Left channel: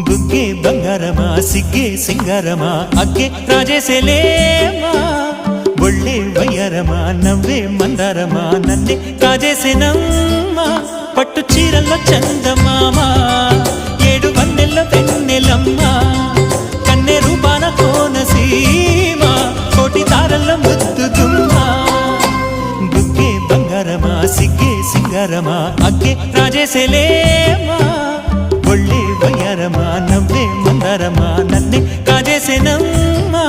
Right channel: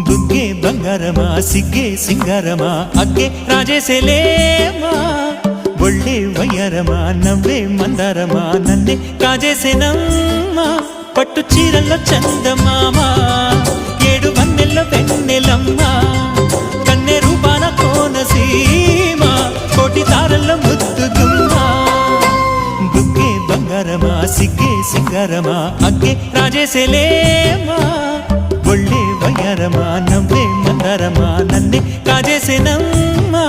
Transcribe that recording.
బుగ్గే బంగారమా సిగ్గే సింగారమా అగ్గే రాజేసేలేమా ఒళ్ళే వయ్యారమా నవ్వే మందారమా నన్నే కాజేసేనమ్మా పట్టు చీరల్లో చందమామా ఏడు వన్నెల్లో వెన్నెలమ్మా కన్నె రూపాన కోనసీమా కోటి తారల్లో ముద్దుగుమ్మా బుగ్గే బంగారమా సిగ్గే సింగారమా అగ్గే రాజేసేలేమా ఒళ్ళే వయ్యారమా నవ్వే మందారమా నన్నే కాజేసేనమ్మా